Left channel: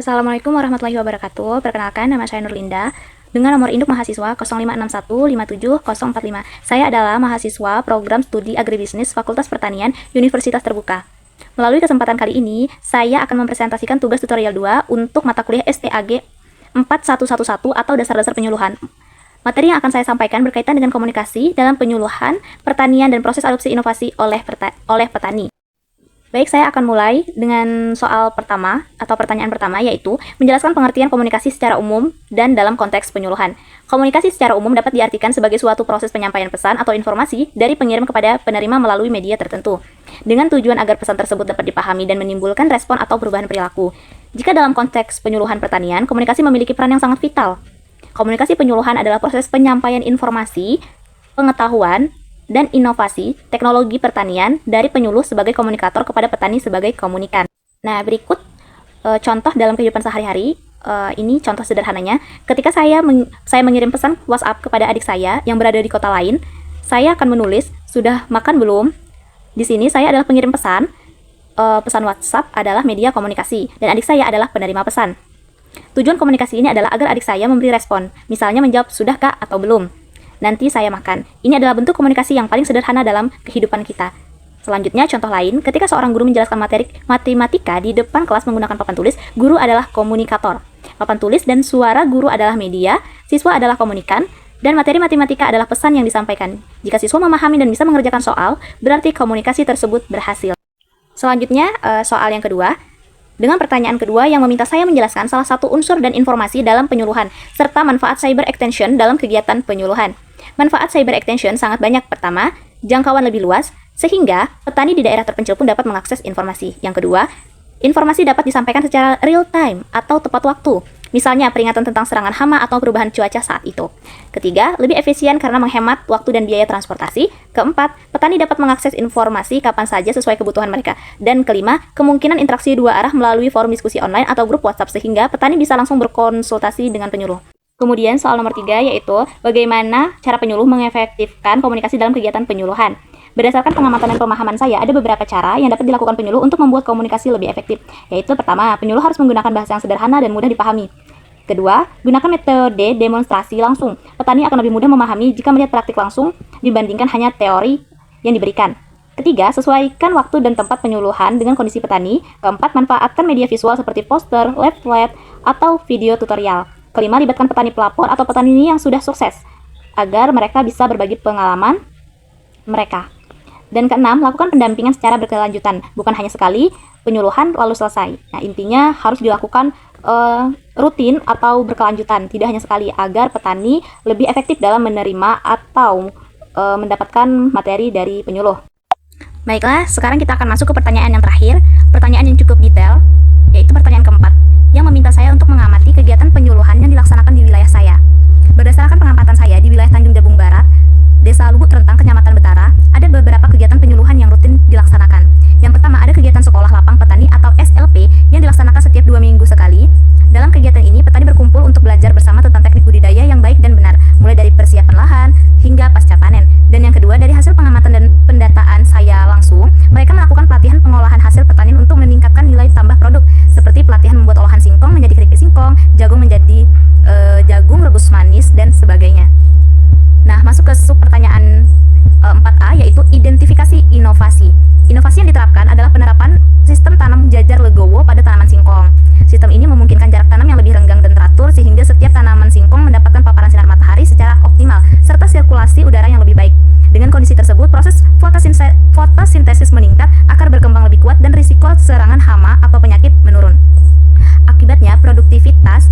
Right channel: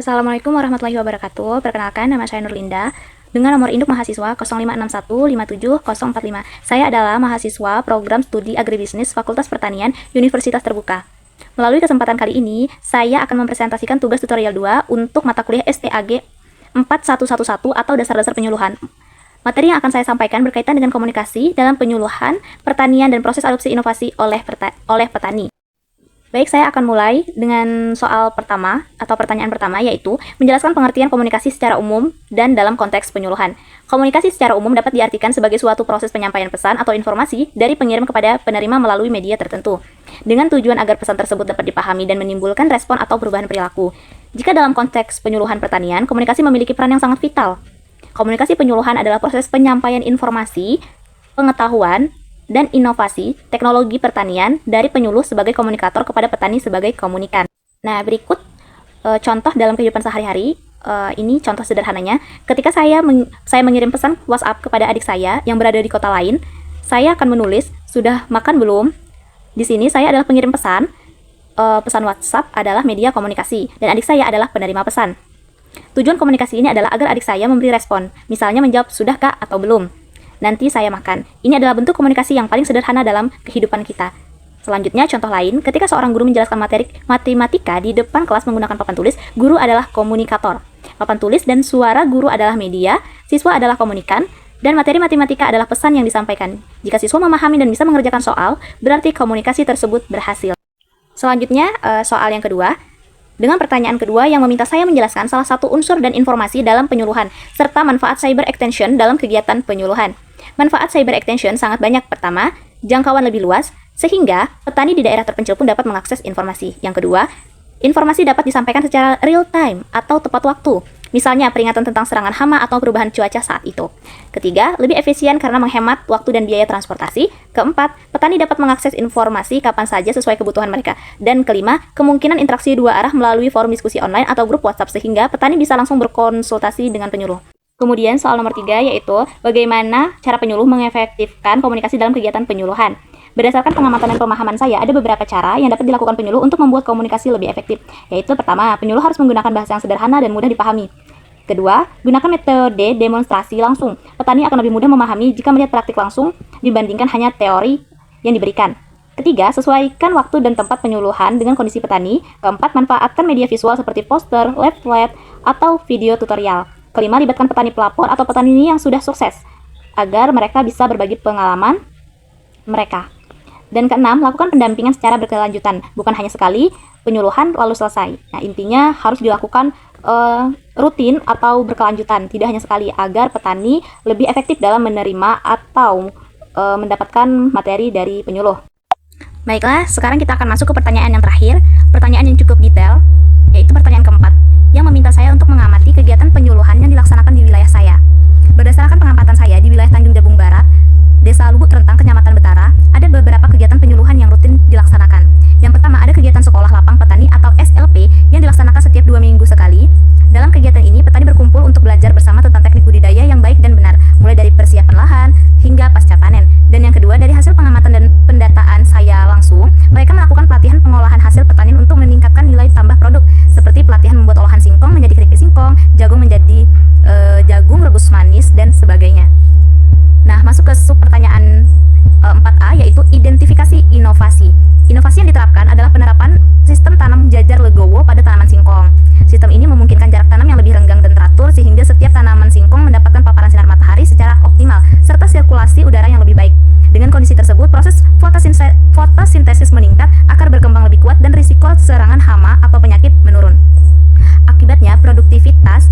Assalamualaikum warahmatullahi wabarakatuh. Perkenalkan, nama saya Nurlinda dengan nomor induk mahasiswa 0561570045. Saya adalah mahasiswa program studi agribisnis Fakultas Pertanian Universitas Terbuka. Melalui kesempatan kali ini, saya akan mempresentasikan tugas tutorial 2 untuk mata kuliah STAG 4111 atau dasar-dasar penyuluhan. Materi yang akan saya sampaikan berkaitan dengan komunikasi dalam penyuluhan, pertanian, dan proses adopsi inovasi oleh petani. Baik, saya akan mulai dengan soal pertama atau pertanyaan pertama, yaitu menjelaskan pengertian komunikasi secara umum dan dalam konteks penyuluhan. Komunikasi secara umum dapat diartikan sebagai suatu proses penyampaian pesan atau informasi dari pengirim kepada penerima melalui media tertentu, dengan tujuan agar pesan tersebut dapat dipahami dan menimbulkan respon atau perubahan perilaku. Jika dalam konteks penyuluhan pertanian, komunikasi memiliki peran yang sangat vital. Komunikasi penyuluhan adalah proses penyampaian informasi, pengetahuan, dan inovasi teknologi pertanian dari penyuluh sebagai komunikator kepada petani sebagai komunikan. Nah, berikut contoh dalam kehidupan sehari-hari. Ini contoh sederhananya. Ketika saya mengirim pesan WhatsApp kepada adik saya yang berada di kota lain, saya akan menulis, "Sudah makan belum?" Di sini saya adalah pengirim pesan. Pesan WhatsApp adalah media komunikasi, dan adik saya adalah penerima pesan. Tujuan komunikasi ini adalah agar adik saya memberi respon, misalnya menjawab, "Sudah Kak?" atau "Belum. Nanti saya makan." Ini adalah bentuk komunikasi yang paling sederhana dalam kehidupan kita. Selanjutnya, contoh lain, ketika seorang guru menjelaskan materi matematika di depan kelas menggunakan papan tulis, guru adalah komunikator. Papan tulis dan suara guru adalah media, siswa adalah komunikan, dan materi matematika adalah pesan yang disampaikan. Jika siswa memahami dan bisa mengerjakan soal, berarti komunikasi tersebut berhasil. Selanjutnya, soal yang kedua. Dengan pertanyaan kedua yang meminta saya menjelaskan salah satu unsur dan informasi dalam penyuluhan, serta manfaat cyber extension dalam kegiatan penyuluhan. Manfaat cyber extension sangat banyak. Pertama, jangkauan lebih luas, sehingga petani di daerah terpencil pun dapat mengakses informasi. Yang kedua, informasi dapat disampaikan secara real time atau tepat waktu, misalnya peringatan tentang serangan hama atau perubahan cuaca saat itu. Ketiga, lebih efisien karena menghemat waktu dan biaya transportasi. Keempat, petani dapat mengakses informasi kapan saja sesuai kebutuhan mereka. Dan kelima, kemungkinan interaksi dua arah melalui forum diskusi online atau grup WhatsApp sehingga petani bisa langsung berkonsultasi dengan penyuluh. Kemudian soal nomor 3, yaitu bagaimana cara penyuluh mengefektifkan komunikasi dalam kegiatan penyuluhan. Berdasarkan pengamatan dan pemahaman saya, ada beberapa cara yang dapat dilakukan penyuluh untuk membuat komunikasi lebih efektif. Yaitu pertama, penyuluh harus menggunakan bahasa yang sederhana dan mudah dipahami. Kedua, gunakan metode demonstrasi langsung. Petani akan lebih mudah memahami jika melihat praktik langsung dibandingkan hanya teori yang diberikan. Ketiga, sesuaikan waktu dan tempat penyuluhan dengan kondisi petani. Keempat, manfaatkan media visual seperti poster, leaflet, atau video tutorial. Kelima, libatkan petani pelapor atau petani yang sudah sukses agar mereka bisa berbagi pengalaman mereka. Dan keenam, lakukan pendampingan secara berkelanjutan, bukan hanya sekali penyuluhan lalu selesai. Nah, intinya harus dilakukan rutin atau berkelanjutan, tidak hanya sekali, agar petani lebih efektif dalam menerima atau mendapatkan materi dari penyuluh. Baiklah, sekarang kita akan masuk ke pertanyaan yang terakhir, pertanyaan yang cukup detail, yaitu pertanyaan keempat, yang meminta saya untuk mengamati kegiatan penyuluhan yang dilaksanakan di wilayah saya. Berdasarkan pengamatan saya di wilayah Tanjung Jabung Barat, Desa Lubuk Rentang, Kecamatan Betara, ada beberapa kegiatan penyuluhan yang rutin dilaksanakan. Yang pertama, ada kegiatan Sekolah Lapang Petani atau SLP yang dilaksanakan setiap 2 minggu sekali. Dalam kegiatan ini, petani berkumpul untuk belajar bersama tentang teknik budidaya yang baik dan benar, mulai dari persiapan lahan hingga pasca panen. Dan yang kedua, dari hasil pengamatan dan pendataan saya langsung, mereka melakukan pelatihan pengolahan hasil pertanian untuk meningkatkan nilai tambah produk, seperti pelatihan membuat olahan singkong menjadi keripik singkong, jagung menjadi jagung rebus manis, dan sebagainya. Nah, masuk ke sub pertanyaan 4A, yaitu identifikasi inovasi. Inovasi yang diterapkan adalah penerapan sistem tanam jajar legowo pada tanaman singkong. Sistem ini memungkinkan jarak tanam yang lebih renggang dan teratur sehingga setiap tanaman singkong mendapatkan paparan sinar matahari secara optimal serta sirkulasi udara yang lebih baik. Dengan kondisi tersebut, proses fotosintesis meningkat, akar berkembang lebih kuat, dan risiko serangan hama atau penyakit menurun. Akibatnya, produktivitas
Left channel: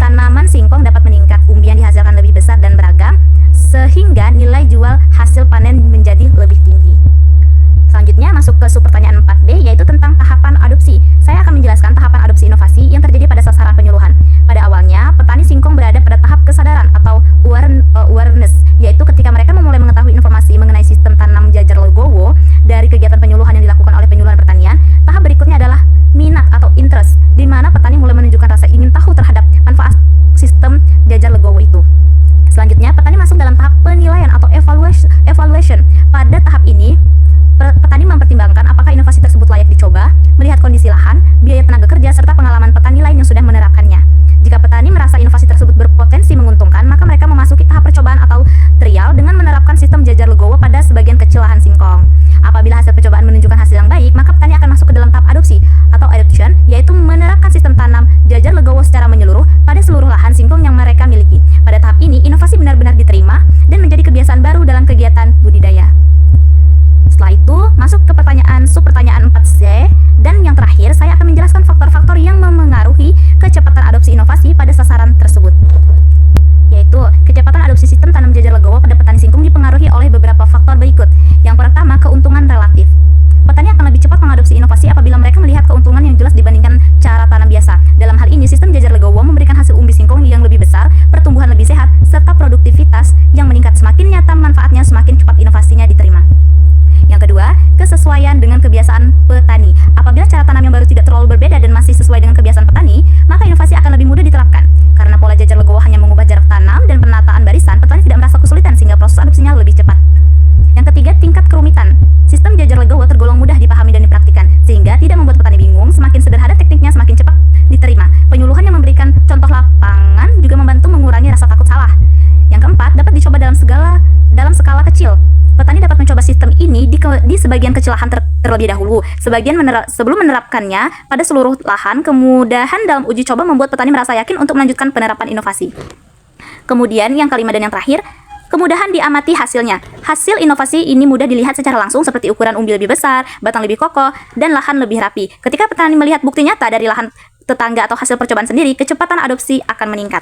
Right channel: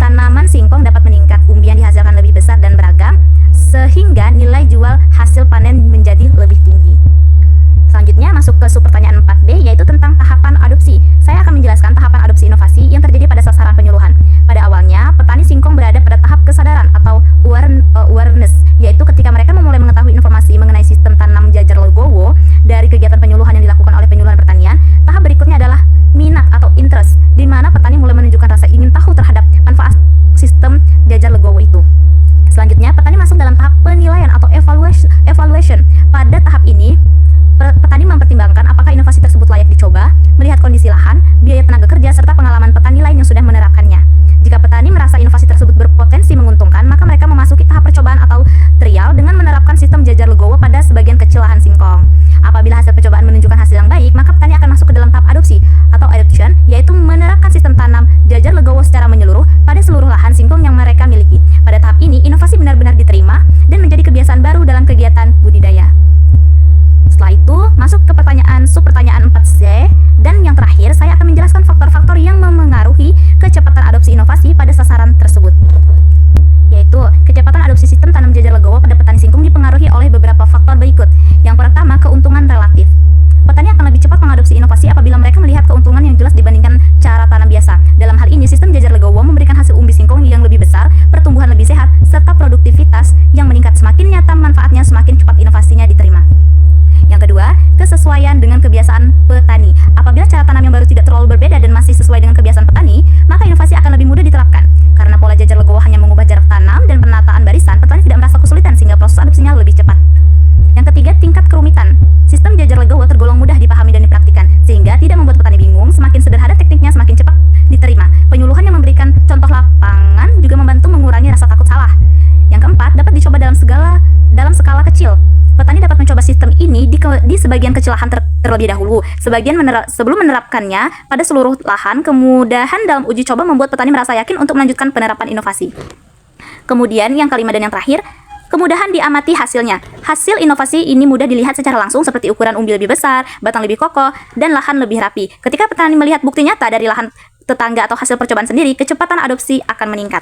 tanaman singkong dapat meningkat, umbian dihasilkan lebih besar dan beragam, sehingga nilai jual hasil panen menjadi lebih tinggi. Selanjutnya masuk ke sub pertanyaan 4B, yaitu tentang tahapan adopsi. Saya akan menjelaskan tahapan adopsi inovasi yang terjadi pada sasaran penyuluhan. Pada awalnya, petani singkong berada pada tahap kesadaran atau awareness, yaitu ketika mereka memulai mengetahui informasi mengenai sistem tanam jajar legowo dari kegiatan penyuluhan yang dilakukan oleh penyuluhan pertanian. Tahap berikutnya adalah minat atau interest, di mana petani mulai menunjukkan rasa ingin tahu terhadap manfaat sistem jajar legowo itu. Selanjutnya, petani masuk dalam tahap penilaian atau evaluation. Pada tahap ini, Petani mempertimbangkan apakah inovasi tersebut layak dicoba, melihat kondisi lahan, biaya tenaga kerja, serta pengalaman petani lain yang sudah menerapkannya. Jika petani merasa inovasi tersebut berpotensi menguntungkan, maka mereka memasuki tahap percobaan atau trial dengan menerapkan sistem jajar legowo pada sebagian kecil lahan singkong. Apabila hasil percobaan menunjukkan hasil yang baik, maka petani akan masuk ke dalam tahap adopsi atau adoption, yaitu menerapkan sistem tanam jajar legowo secara menyeluruh pada seluruh lahan singkong yang mereka miliki. Pada tahap ini, inovasi benar-benar diterima dan menjadi kebiasaan baru dalam kegiatan budidaya. Setelah itu, masuk ke subpertanyaan 4C, dan yang terakhir, saya akan menjelaskan faktor-faktor yang memengaruhi kecepatan adopsi inovasi pada sasaran tersebut. Yaitu, kecepatan adopsi sistem tanam jajar legowo pada petani singkong dipengaruhi oleh beberapa faktor berikut. Yang pertama, keuntungan relatif. Petani akan lebih cepat mengadopsi inovasi apabila mereka melihat keuntungan yang jelas dibandingkan cara tanam biasa. Dalam hal ini, sistem jajar legowo memberikan hasil umbi singkong yang lebih besar, pertumbuhan lebih sehat, serta produktivitas yang meningkat. Semakin nyata manfaatnya, semakin cepat inovasinya diterima. Yang kedua, kesesuaian dengan kebiasaan petani. Apabila cara tanam yang baru tidak terlalu berbeda dan masih sesuai dengan kebiasaan petani, maka inovasi akan lebih mudah diterapkan. Karena pola jajar legowo hanya mengubah jarak tanam dan penataan barisan, petani tidak merasa kesulitan sehingga proses adopsinya lebih cepat. Yang ketiga, tingkat kerumitan. Sistem jajar legowo tergolong mudah dipahami dan dipraktikkan, sehingga tidak membuat petani bingung. Semakin sederhana tekniknya, semakin cepat diterima. Penyuluhan yang memberikan contoh lapangan juga membantu mengurangi rasa takut salah. Yang keempat, dapat dicoba dalam skala kecil. Petani dapat mencoba sistem ini di sebagian kecil lahan terlebih dahulu. Sebelum menerapkannya pada seluruh lahan, kemudahan dalam uji coba membuat petani merasa yakin untuk melanjutkan penerapan inovasi. Kemudian yang kelima dan yang terakhir, kemudahan diamati hasilnya. Hasil inovasi ini mudah dilihat secara langsung seperti ukuran umbi lebih besar, batang lebih kokoh, dan lahan lebih rapi. Ketika petani melihat bukti nyata dari lahan tetangga atau hasil percobaan sendiri, kecepatan adopsi akan meningkat.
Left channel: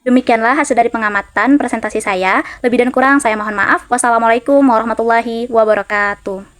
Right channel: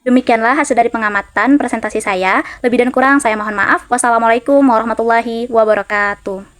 Demikianlah hasil dari pengamatan presentasi saya. Lebih dan kurang saya mohon maaf. Wassalamualaikum warahmatullahi wabarakatuh.